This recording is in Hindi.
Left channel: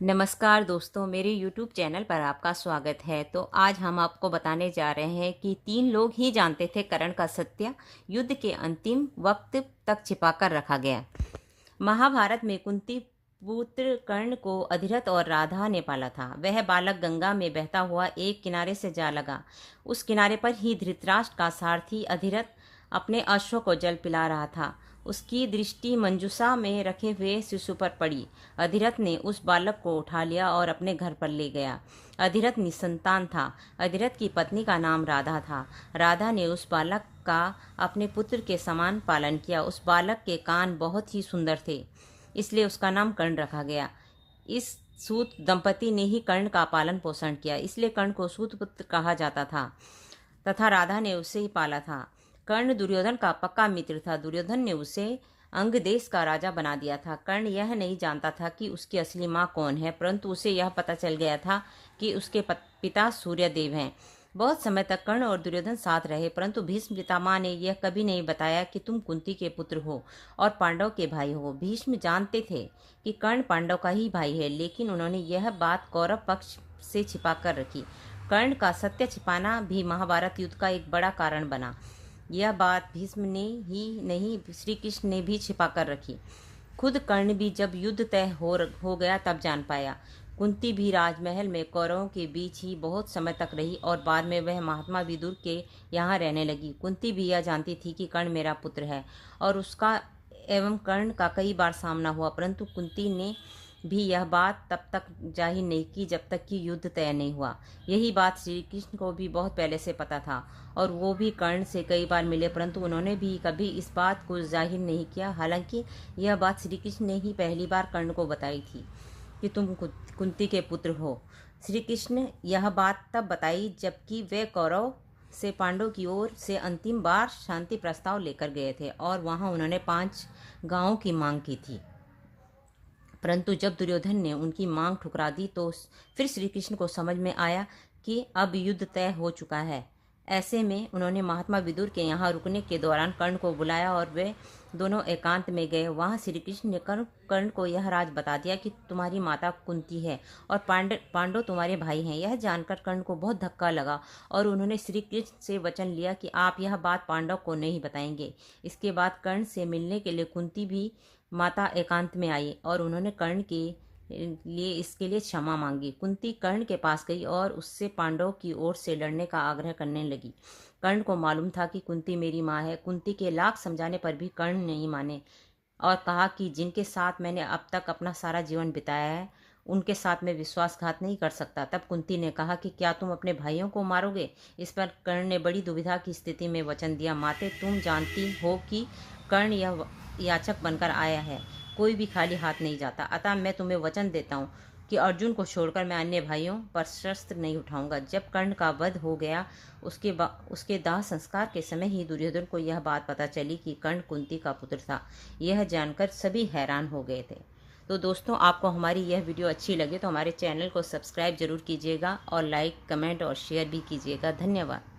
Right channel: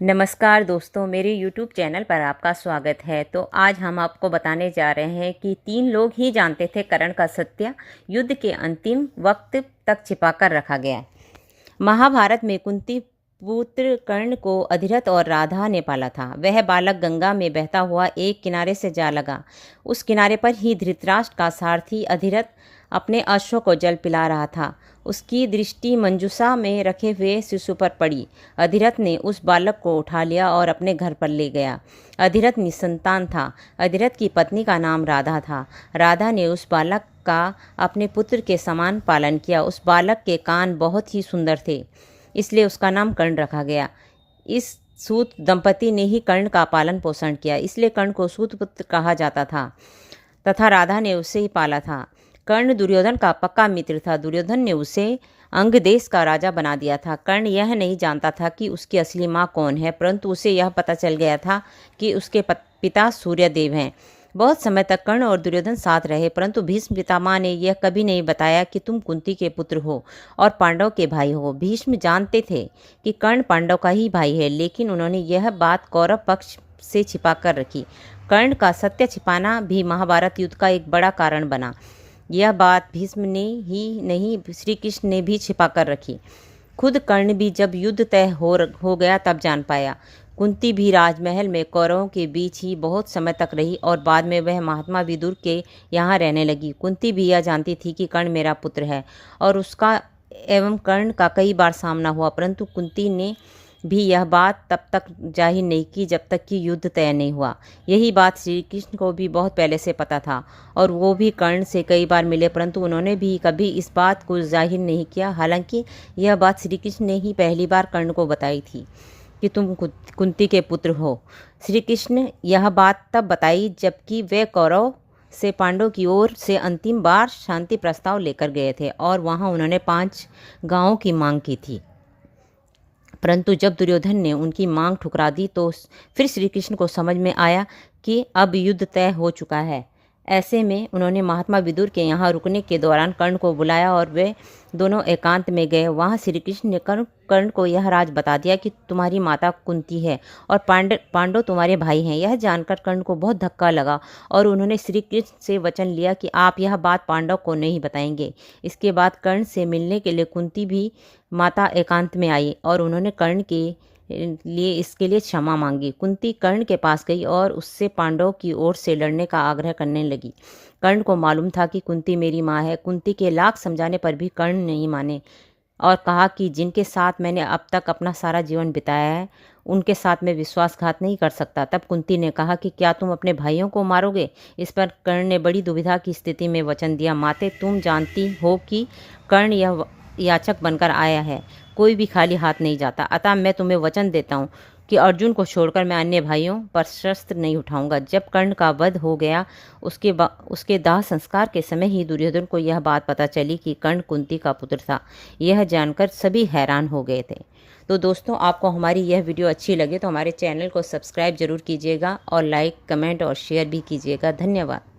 नमस्कार दोस्तों, मेरे YouTube चैनल पर आपका स्वागत है। तो आज हम आपको बताने जा रहे हैं कि 3 लोग ही जानते थे कर्ण का सत्य युद्ध के अंतिम वक्त तक छिपाकर रखा गया। महाभारत में कुंती पुत्र कर्ण को अधिरथ और राधा ने पाला था। वह बालक गंगा में बहता हुआ एक किनारे से जा लगा। उस किनारे पर ही धृतराष्ट्र का सारथी अधिरथ अपने अश्व को जल पिला रहा था। उसकी दृष्टि मंजूषा में रखे हुए शिशु पर पड़ी। अधिरथ ने उस बालक को उठा लिया और अपने घर पर ले गया। अधिरथ निसंतान था। अधिरथ की पत्नी का नाम राधा था। राधा ने उस बालक का अपने पुत्र के समान पालन किया। उस बालक के कान बहुत ही सुंदर थे, इसलिए उसका नाम कर्ण रखा गया। इस सूत दंपति ने ही कर्ण का पालन पोषण किया, इसलिए कर्ण को सूत पुत्र कहा जाता था तथा राधा ने उसे ही पाला था। कर्ण दुर्योधन का पक्का मित्र था। दुर्योधन ने उसे अंग देश का राजा बना दिया था। कर्ण यह नहीं जानता था कि उसकी असली माँ कौन है, परंतु उसे यह पता चल गया था कि उसके पिता सूर्यदेव हैं। बहुत समय तक कर्ण और दुर्योधन साथ रहे, परंतु भीष्म पितामह ने यह कभी नहीं बताया कि तुम कुंती के पुत्र हो और पांडव के भाई हो। भीष्म जानते थे कि कर्ण पांडव का ही भाई है, लेकिन उन्होंने यह बात कौरव पक्ष से छिपा कर रखी। कर्ण का सत्य छिपाना भी महाभारत युद्ध का एक बड़ा कारण बना। यह बात भीष्म ने ही नहीं, श्री कृष्ण ने भी छिपा कर रखी। खुद कर्ण भी जब युद्ध तय हो गया तब जान पाया। कुंती भी राजमहल में कौरवों के बीच ही बहुत समय तक रही और बाद में वह महात्मा विदुर के यहाँ रहने लगी। कुंती भी यह जानती थी कि कर्ण मेरा पुत्र है और उसका एवं कर्ण का कई बार सामना हुआ, परंतु कुंती ने भी यह बात तब तक जाहिर नहीं की जब तक कि युद्ध तय नहीं हुआ। यही बात श्री कृष्ण को भी बहुत पहले से पता था और वो भी कर्ण से कई बार मिले, परंतु उन्होंने भी कभी इस बात को जाहिर नहीं किया। हालांकि यह बात श्री कृष्ण ने ही पहली बार कर्ण को बताई थी कि तुम कुंती के पुत्र हो। श्री कृष्ण यह बात तब बताई जबकि वे कौरव से पांडव की ओर से अंतिम बार शांति प्रस्ताव लेकर गए थे और वहां उन्होंने 5 गांवों की मांग की थी। परंतु जब दुर्योधन ने उनकी मांग ठुकरा दी तो फिर श्री कृष्ण को समझ में आया कि अब युद्ध तय हो चुका है। ऐसे में उन्होंने महात्मा विदुर के यहाँ रुकने के दौरान कर्ण को बुलाया और वे दोनों एकांत में गए। वहाँ श्री कृष्ण ने कर्ण को यह राज बता दिया कि तुम्हारी माता कुंती है और पांडव तुम्हारे भाई हैं। यह जानकर कर्ण को बहुत धक्का लगा और उन्होंने श्री कृष्ण से वचन लिया कि आप यह बात पांडव को नहीं बताएंगे। इसके बाद कर्ण से मिलने के लिए कुंती भी माता एकांत में आई और उन्होंने कर्ण के लिए इसके लिए क्षमा मांगी। कुंती कर्ण के पास गई और उससे पांडवों की ओर से लड़ने का आग्रह करने लगी। कर्ण को मालूम था कि कुंती मेरी माँ है। कुंती के लाख समझाने पर भी कर्ण नहीं माने और कहा कि जिनके साथ मैंने अब तक अपना सारा जीवन बिताया है उनके साथ मैं विश्वासघात नहीं कर सकता। तब कुंती ने कहा कि क्या तुम अपने भाइयों को मारोगे? इस पर कर्ण ने बड़ी दुविधा की स्थिति में वचन दिया, माते तुम जानती हो कि कर्ण यह याचक बनकर आया है, कोई भी खाली हाथ नहीं जाता। अतः मैं तुम्हें वचन देता हूँ कि अर्जुन को छोड़कर मैं अन्य भाइयों पर शस्त्र नहीं उठाऊंगा। जब कर्ण का वध हो गया उसके दाह संस्कार के समय ही दुर्योधन को यह बात पता चली कि कर्ण कुंती का पुत्र था। यह जानकर सभी हैरान हो गए थे। तो दोस्तों, आपको हमारी यह वीडियो अच्छी लगे तो हमारे चैनल को सब्सक्राइब जरूर कीजिएगा और लाइक, कमेंट और शेयर भी कीजिएगा। धन्यवाद।